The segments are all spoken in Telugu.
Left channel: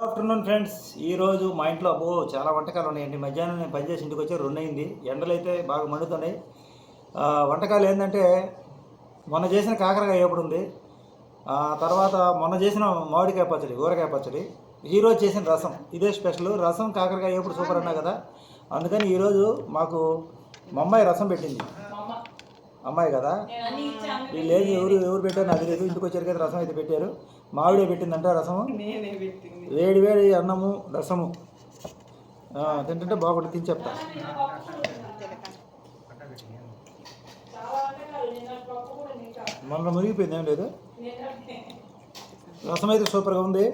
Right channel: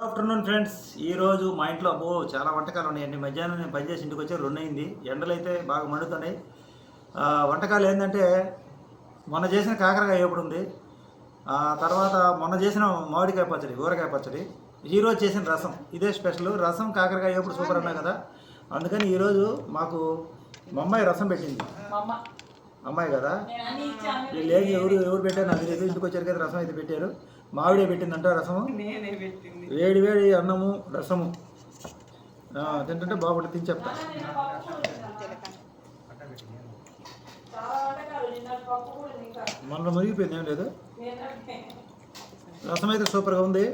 ఆఫ్టర్నూన్ ఫ్రెండ్స్ ఈరోజు మా ఇంట్లో అబ్బో చాలా వంటకాలు ఉన్నాయండి. మధ్యాహ్నం నేను పనిచేసి ఇంటికి వచ్చి రెండు అయింది ఎండలు అయితే బాగా మండుతున్నాయి. వంటకాలు ఏంటంటే మొన్న చేసిన కాకరకాయ ఎప్పుడు ఉంది. తర్వాత మొన్న చేసిన మామిడికాయ పచ్చడి ఊరకాయ పచ్చడి. ఈరోజు చేసిన రసం. ఇదే స్పెషల్. రసం కాకరకాయ ఎప్పుడు సూపర్ అన్నా కదా. అందుకని ఈరోజు మాకు మా అమ్మాయి రసం పెట్టింది. అమ్మాయి కదా? వీళ్ళు ఏది ఎవరు ఎవరు పెట్టారు నాకు తెలియదు. ఇంటికి వచ్చారు కదా రసం అయితే పెట్టారు. మామిడే పెట్టిందంట రసము? నేనే పెట్టింది. వేడి వేడి అన్నము రసము. తింటుంటే బాగుంటుంది తిని చెప్తా. మన మునిగిపోయింది ఏం లేదు. రసం అయితే సూపర్గా ఉంది.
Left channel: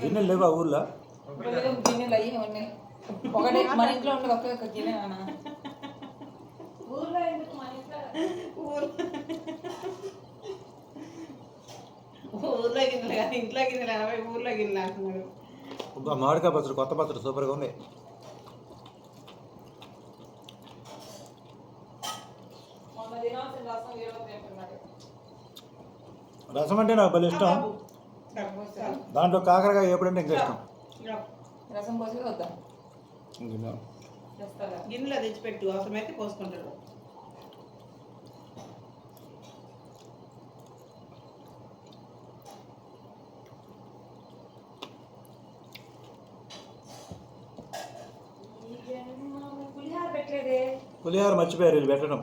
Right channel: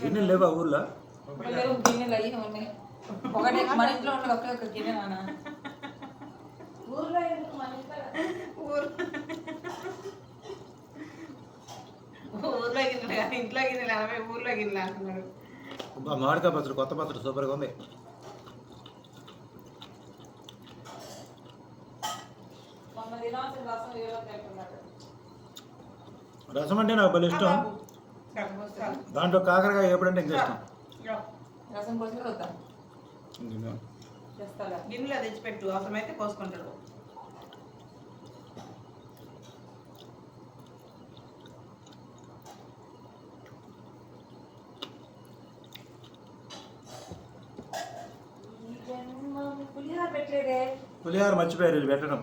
గిన్నెలు లేవా ఊర్లో గిన్నెలు అయ్యి ఉన్నాయి ఒకటి మన ఇంట్లో ఉండదు ఊర్లో గిన్నెలు ఇంట్లో గిన్నెలు ఊర్లో గిన్నెలు అంటున్నారు అబ్బా, మామిడికాయ పచ్చడి కొత్త పచ్చడి సూపర్గా ఉంది. రసం అంటే నాకు భలే ఇష్టం. దాంట్లో కాకరకాయ ఎప్పుడంటే ఇంకా ఇష్టం. రసం గిన్నెలో తెచ్చిపెట్టు అవసరమైతే పోసుకుంటాడు. పులిహార మర్చిపోయారు వీళ్ళు పెట్టడం.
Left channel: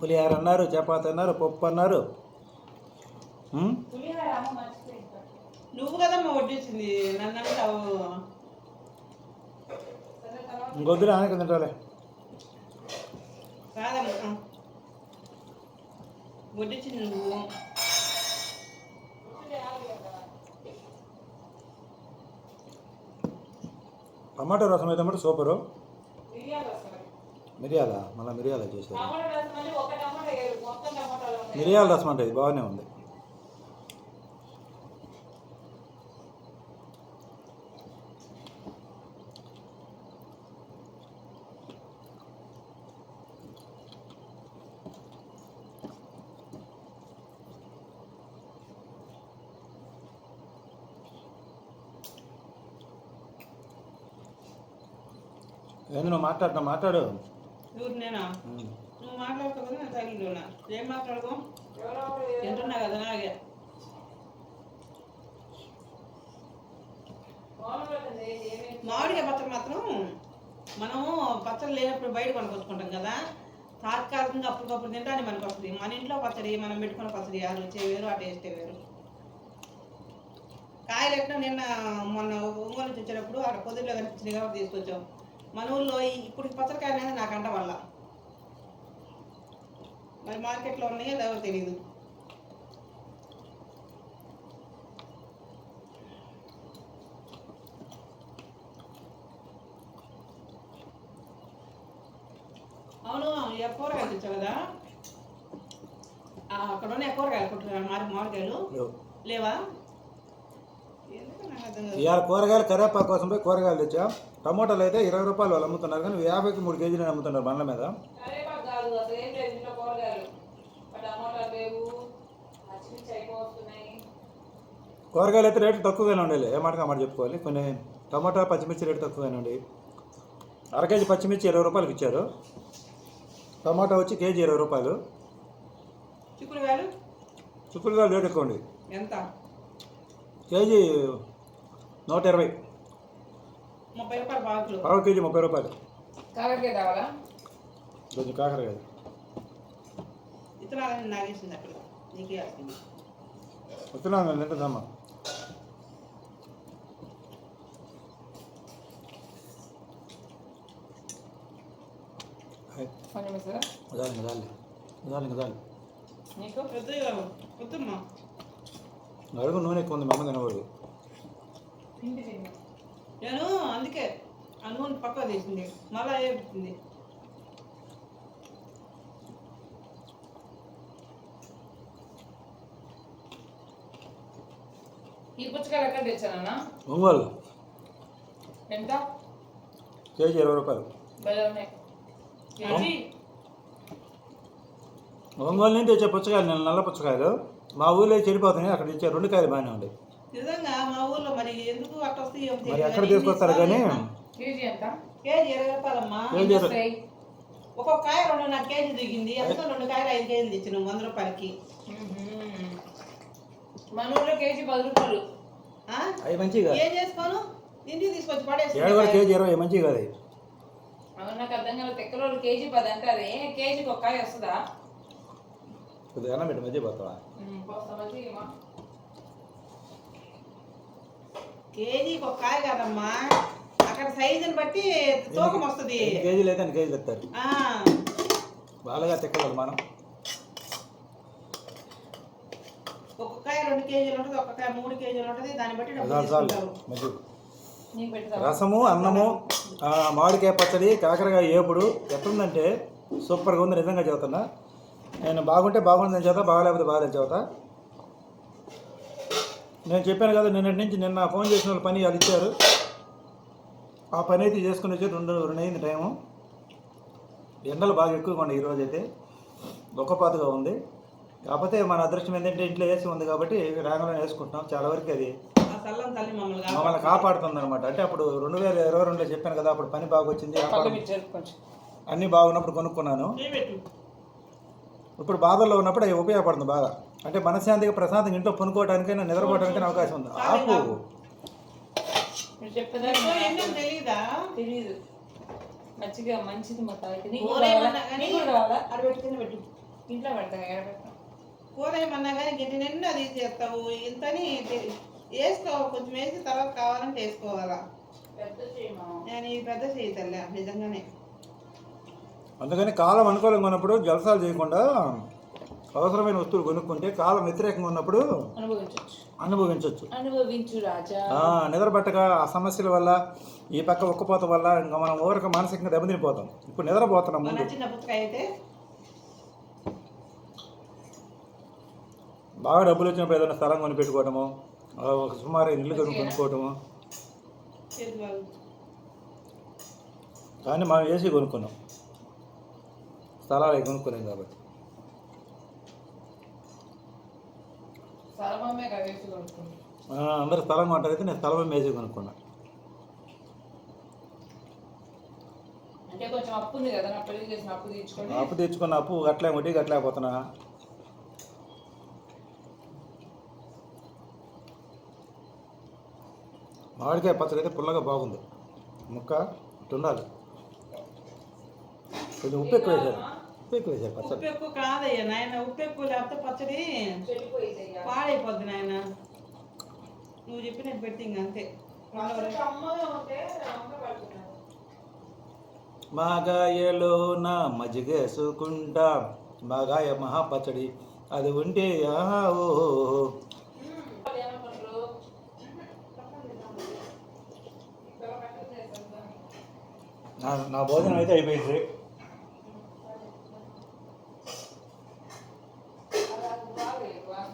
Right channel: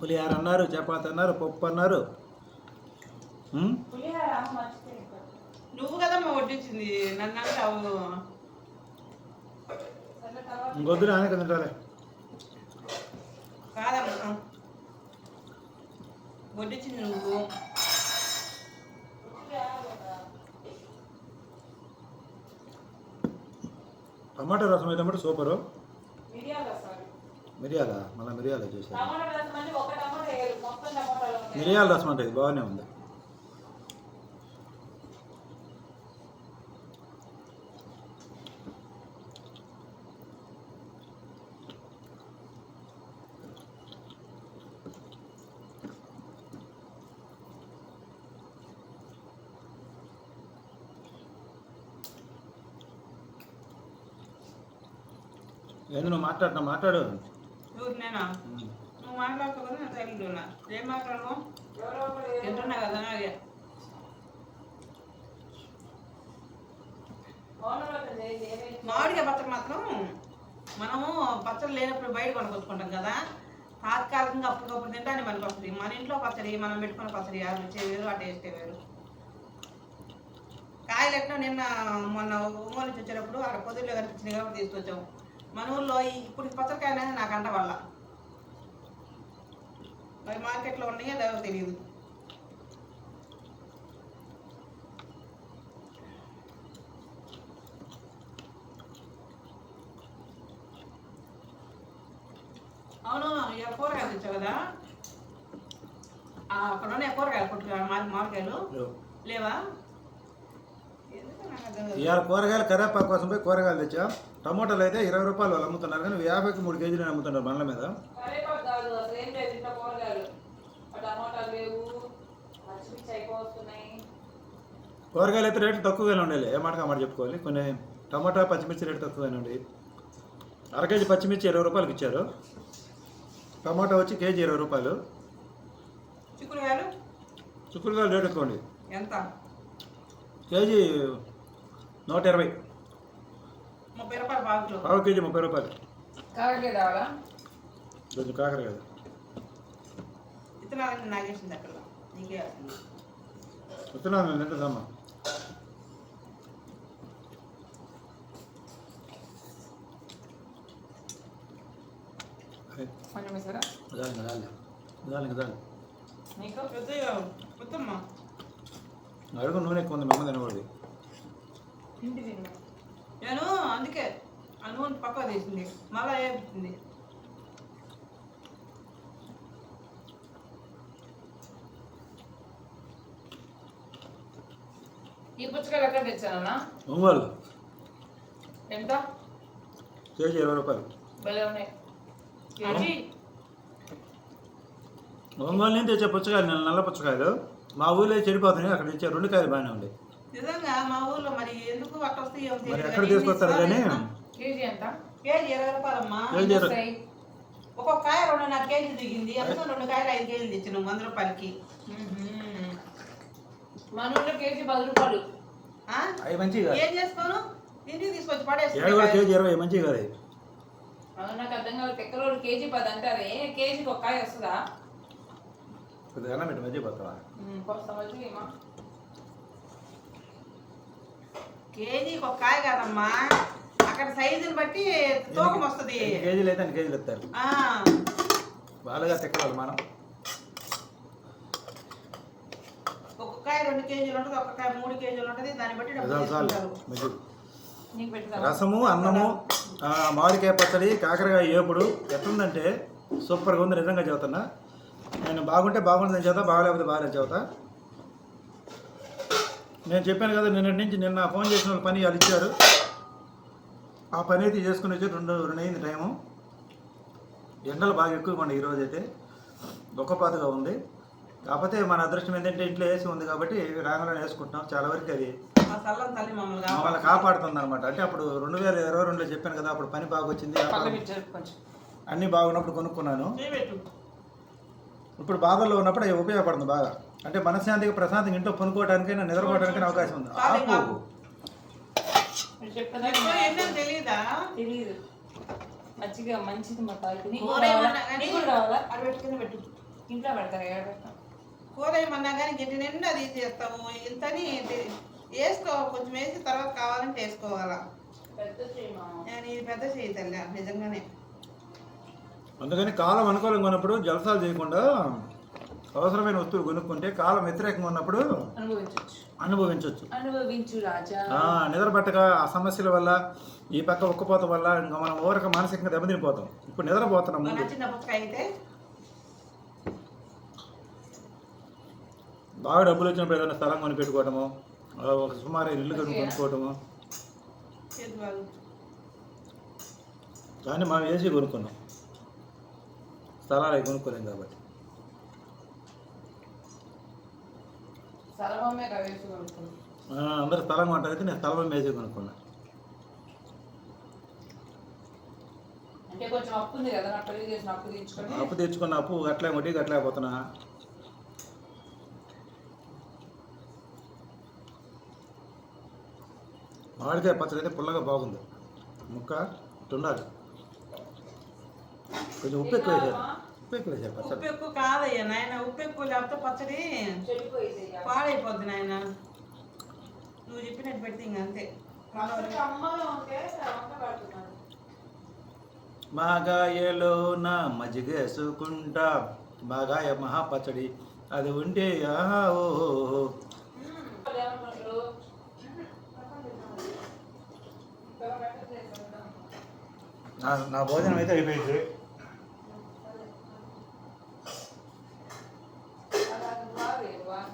పులిహార అన్నారు చపాతి అన్నారు పప్పు అన్నారు? నువ్వు కదమ్మా వడ్డించింది నన్ను కాదమ్మా. వడ్డించింది నువ్వు. టమాటా రసం అయితే మటు సూపరు. మిరియాల మళ్ళీ మిరియాల చేశారు. మిరియాల రసం అంటే ఇది బాగానే ఉంది. ఏంది నువ్వు మాట్లాడుతున్నా మాట్లాడు. ఎవరు నేనా. నువ్వు మాట్లాడుతావు కదా నేను సైలెంట్ ఉన్నా ఏం మాట్లాడదాం తింటున్నా కదా అలాగే. మామిడికాయ పచ్చడి మాత్రం మనము పచ్చడి లేనప్పుడు బయట కొనుక్కొచ్చుకుంటాం కదా. తాత్కాలికంగా అప్పటికప్పుడు తింటానే మనకు వస్తుంది. మన ఇంట్లో పచ్చడి మనం పెట్టుకున్న పచ్చడి ఆ రుచి వేరు ఆ టేస్టే వేరు. కాయలు ఎట్లా నిన్న మొన్న ఒంగోలు నుంచి వచ్చేటప్పుడు అక్కడ పొద్దుల్లో కనిపించింది కాబట్టి తీసుకొచ్చాం. మన ఊళ్ళో ఈ- ఇప్పుడు పచ్చడికాయ అనేది నాకు అంట వల్ల. మరి మార్కెట్లో ఉన్నాయో లేవో తెలియదు అవును కూరగాయలు తెచ్చావు కదా? అక్కడ ఉన్నాయి కూరగాయలు కొట్టు మారి మామిడికాయలు? లేవు. లేవా ఎందుకు నాకు అర్థం కాదు. ఇవాళ కూరగాయలు కరేపాకు కోసం పోయి కూరగాయలు తెచ్చా. టమోటాలు అయితే ఇరవై రూపాయలు వాళ్ళు అమ్ముతున్నారు కానీ యాభైకి మూడు కేజీలు అమ్ముతున్నారు బండ్ల మీద. కరేపాకు కాదు అసలు ఏం లేదు ఇంట్లో కూరగాయలు. అయితే రేట్లు తక్కువగానే ఉండేవి ఏ మాటగా మాట చెప్పుకోవాలి? కొన్ని టమాటా పచ్చిమిర్చి రేటు తక్కువగానే ఉండేవి అర కేజీ పచ్చిమిర్చి ఇరవై రూపాయలకి ఇచ్చారు. టమాటా వచ్చి కేజీ ఇరవై రూపాయలు. చిక్కుడుకాయలు? చుక్కుడుగాయలు రేటు ఎక్కువ కేజీ నూట ఇరవై ముప్పై రూపాయలు పావుకిలో పావు కేజీ ముప్పై రూపాయలు. కాకరకాయ రావాలా కొంచెం కాకర కదా. విత్తనాలన్నీ నాగేసింది అక్కడ. నీకే వస్తుంది. వస్తున్నాను తింటుందమ్మా కొంచెం ఇస్తారా దాని దాని దాని దాని నీకు? పెద్దగా వద్దమ్మా అడుగు నూనె ఎక్కువ ఉంది మా అమ్మ తినకూడదు. తిండి తిండి నేను అందుకే ఆ నూనె పక్క తీసింది. మళ్ళా ఏపించింది ఈ పుచ్చకాయలు ఎక్కడ తెచ్చానన్నా ఒంగోలు. ఎంత? కేజీ ఇరవై రూపాయలు. భలే ఉన్నాయి. కేజీ? ఒంగోలు నుంచి తెచ్చే పుచ్చకాయలు నేను నల్ల పుచ్చకాయలు. మా ఊళ్ళో చెడిపోతున్నాయి. అక్కడ తెచ్చే రెండు కాయలు బాగానే ఉన్నాయి. నిజంగా వస్తాయి మరి ఎక్కడ కానీ తీసుకొస్తారు కానీ? కేజీ ఎంత? కేజీ ఇరవై రూపాయలమ్మా కేజీ ఇరవై. వస్తాయి? ఒక్కొక్క కాయ రెండున్నర కేజీ దిగింది ఎందుకు రెండు కాయలు ఐదు కేజీలు తెచ్చినాం వంద రూపాయలకి. మన ఊళ్ళో కేజీ పది రూపాయలు. ఆ? అవి మంచివి కాదు. ఏం చేసుకోను ఇంటికి తీసుకొచ్చి ఏడు కూడా పడేసి కేజీ ఇరవై మంచివి కాదు అవి. అవును నాకు అర్థం కాదు కేజీ పది అంటారే కేజీకి ఒక కాయ వస్తుందా? కొద్దిగా పెట్టి మధ్య పోతావా? కేజీకి ఒక కాయ కాదమ్మా. అక్కడ సైజుని బట్టి తూకం వస్తుంది. కేజీలు అయితే అన్ని కేజీలు ఎత్తారు బాగా తిక్కవాలి మనం. ఒక్కొక్క కాయ రెండు కేజీలు ఉంటుంది ఒక్క కాయ మూడు కేజీలు ఉంటుంది. దాన్ని బట్టి రసము అన్నము మామిడికాయ పచ్చడి కాకరకాయ ఏపుడు ఎట్లుందంటే సూపర్గా ఉంది నిజంగా చెబుతున్నా. నేను బాగుంటే బాగుందని చెబుతా బాగలేకపోతే బాగాలేదు చెబుతా. నేను చెప్పాను కదా నిన్నటి నుంచి నిన్న ఫోన్ చేసిన వాళ్ళు పని వాళ్ళు ఇచ్చారు. ఆ పని అయితే చేసుకుని వచ్చి రెండు రెండు అయింది టైము. ఎండలు బాగా ఎక్కువగా ఉన్నాయి ఈరోజు అయితే. దుఃఖపాతగా ఉంది. కాకపోతే మన అదృష్టం ఏంటంటే ఇంట్లో ఏసీ ఉంది కాబట్టి రాగానే వేసుకుంటున్నాం. చాలా వరకు అది మమ్మల్ని కాపాడుతుంది. అనమాట అంటే అప్పుడు రెండు వేల ఇరవై రెండులో చెప్పాను కదా అప్పుడు పని బాగా వచ్చింది అన్నీ బాగున్నప్పుడు కొనుక్కున్నాను. ఇప్పుడు బాధల్లో ఉన్నప్పుడు అవి ఉపయోగపడుతుంది బాగా అంటే మనశ్శాంతిగా ప్రశాంతంగా ఇంట్లో పనుకోవడానికైనా నిద్రపోవడానికైనా అవకాశం ఉంది. ఆపు. మంచిగా మంచిది మా అది ఇంట్లో పెడతాను ఏడ పెడతాను కూర ఏమన్నా కానీ గిట్టి నిండా తీసేస్తావు ఇంతని తె- వేసుకో కొంచెం వేసి తర్వాత కావాలంటే వేసుకోవాలా? పెద్ద ఇది పెద్ద చేయి తల్లి నిజంగానే. అందుకని కాలం అనుకూలంగా ఉన్నప్పుడు జలసాలు చేయకుండా అవసరమైన వస్తువులు కొనుక్కుంటే కాలం వ్యతిరేకంగా ఉన్నప్పుడు అనుభవించవచ్చు అనుభవించు రాజా. ఆ, సమస్యల వల్ల ఈ పక్క ఉక్కపోత వల్ల ఇంకా మనం ఓరక మానసికంగా దెబ్బతినిపోతాం. ఇప్పుడు నిద్రపోతున్నాం ముందు. బాగా డబ్బులు వచ్చినప్పుడు ఏదైనా స్థలం కొని పెట్టుకోవటము ఆ, ఒక సుమారు ఇల్లు కొని కొనుక్కోవటము. కానీ మనం ఏసీ కొనుక్కున్నాం. స్థలాలు కొనుక్కోలేం కాబట్టి. అందరు స్థలం కొంటారైతే నేను స్థలం ఏసీ కొనుక్కున్నా. అప్పు ఉంది కదా నా పెళ్ళి చేసిన అప్పు తెచ్చుకున్న గట్లే వడ్డీ గట్లేకపోతున్నా మామిడికాయ పచ్చడి అయితే పుల్లగా బాగుంది. ముక్క ఉండాలి కొంచెం ఉప్పు ఎక్కువ వేశారు ఉప్పు ఎక్కువ వేశారు ఉప్పు పచ్చడి ఎక్కువ కాదయ్యా నాయన ఉప్పు ఎక్కువ లేకపోతే పచ్చడి పాడైపోద్ది నాయన. నువ్వు చెప్పినట్టు పెడితే ఇంక అంతే. మాగాయలో నా మజ్జిగేసుకుంటా మాగాయ మహా పచ్చడి అది ఉంటే ఆహా ఓ నా భోజనం అయితే అయిపోయింది అలా బాగా బాగా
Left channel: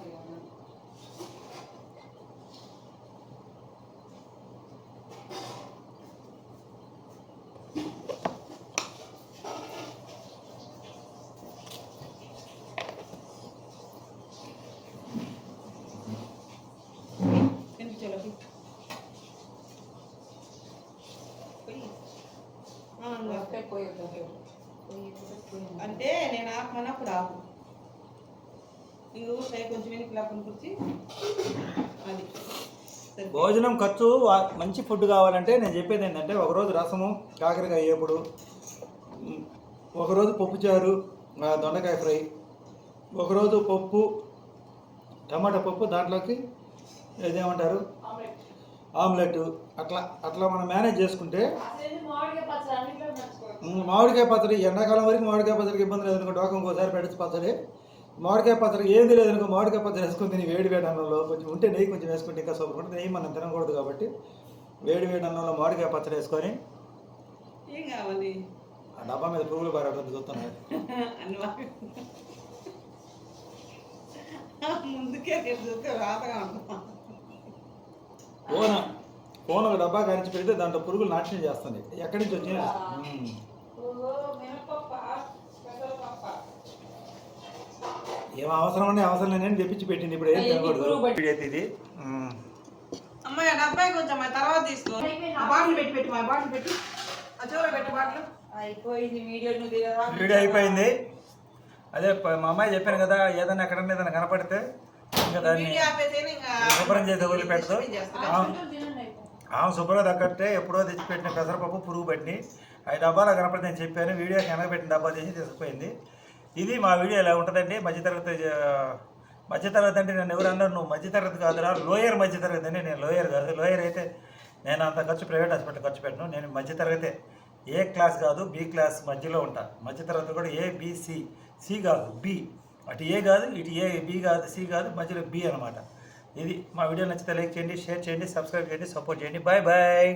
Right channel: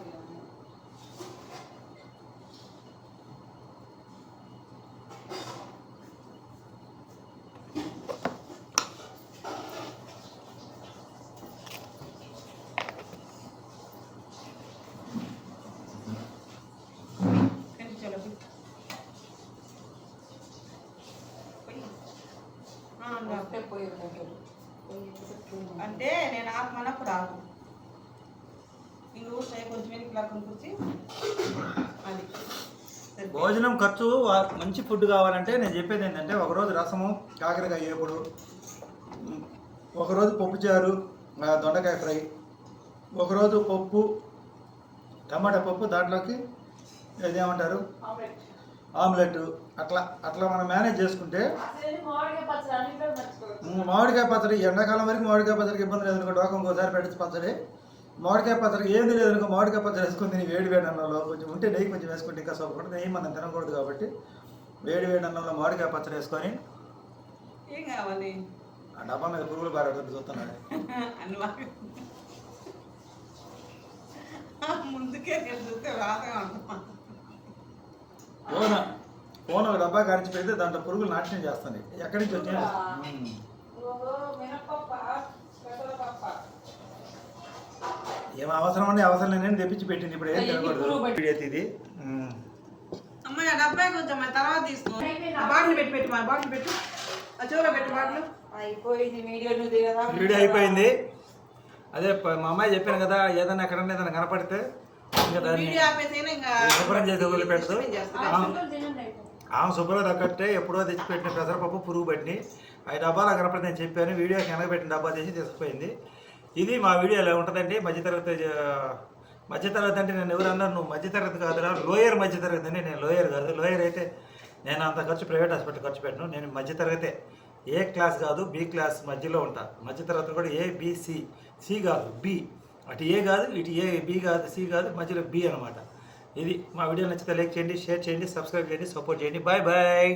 కనిపించాలి ఒకే పోయి దగ్గర పోయి పోయి అంటే నేను ఆపమన్నప్పుడు ఆపు ఊసాయి కొంచెం వెనక్కి లాక్కుని కూర్చి. అది. భోజనం ఖర్చు మంచి ఫుడ్ కావాలంటే నేను చెప్పేది ఏంటంటే ఒకరోజు రసము కాకరకాయ ఏపుడు ఒకరోజు పప్పుచారు దొండకాయ ఫ్రై ఒకరోజు పప్పు టమాటా పప్పు దాంట్లోకి ఇదేమంటారు ఆమ్లెట్ అట్లా అట్లా మనం మేనేజ్ చేసుకుంటే మామిడికాయ పచ్చడి? ఎండాకాలం వరకు మామిడికాయ పచ్చడికి ఇబ్బంది లేదు అనుకో డోకం ఇంకోసారి పెట్టచ్చు పచ్చడి. మామిడికాయ పచ్చడి ఏంది లేదనుకో మామిడికాయ పచ్చడి వేసుకుని తిని వేడి వేడి అన్నంలో కొంచెం ఉంటే నెయ్యి కొంచెం వేసుకుంటే ఇంకా సూపర్ ఉంటుంది. నెయ్యి మనం తినకూడదు కాబట్టి వేడి వేడి అన్నంలో మామిడికాయ పచ్చడి వేసుకొని ఏం కావాలి? ఆ డబ్బా మీద పురుగులు పారేటువంటి చూస్తున్నాడు. అన్నవా ముందుకే చూస్తే రాతగా ఉంటాం ఫోన్ ఫోన్ ఒక డబ్బా కారించి పెడితే దాంట్లో పురుగులు నాట్యం చేస్తుంది. ఎక్కడి నుంచి వచ్చినాయి పెసరపప్ప ఏం అవసరం అని అవసరం లేని తెప్పించి పెట్టింది. ఇప్పుడు ఏం తినకూడదు. ఇది. అమ్మాయి ఆ డబ్బాయి కొంచెం ఆ తర్వాత తీసుకో. ఆ బాటిల్ పెట్టి పెట్టు మా బాటిల్ పెట్టు. ఆ చివర పెట్టు బాటిల్. అయిపోయింది వీడియో నువ్వు దిగదా? వీడియో అయిపోయింది. అదే మా అమ్మాయి చెప్పాను కదా ఏదైనా ఎక్కడన్నా ఏదైనా కనపడితే శుభ్రం చేసి వదిలిపెట్టదు. ఆమె శుభ్రం తగ్గట్టే ఎప్పుడో తెచ్చిపెట్టిన పెసరపప్పు పురుగు పట్టిని ఆ డబ్బాలో కనపడి నేను చెప్పాను. వీడియో పెట్టిన డబ్బా తీసి తీసుకుపోయింది. ఇది మా వీడియో ఎలా ఉంటుందండి మధ్యతరగతి మధ్యతరగతి అంటే నేను ఎవరు అన్నారు నువ్వు మధ్యతరగతి కాదురా లోయర్ మధ్యతరగతి అని నేను లోయర్ కాదు. లోయర్ అయితే నేను అంత ఖర్చు ప్రైవేట్ హాస్పిటల్ ఖర్చు పెట్టను. నేను మధ్యతరగతే ఏ క్లాస్ కాదు బి క్లాస్ మధ్యలో ఉంటా. మధ్యతరగతి కూడా ఏ బి సి సి కాదు బి. అటు ఏ కాదు ఇటు ఏ బి కాదు సి కాదు మధ్యలో బి అనమాట. ఇది మా వీడియో నచ్చితే లైక్ చేయండి షేర్ చేయండి సబ్స్క్రైబ్ చేయండి సపోర్ట్ చేయండి. Bye bye.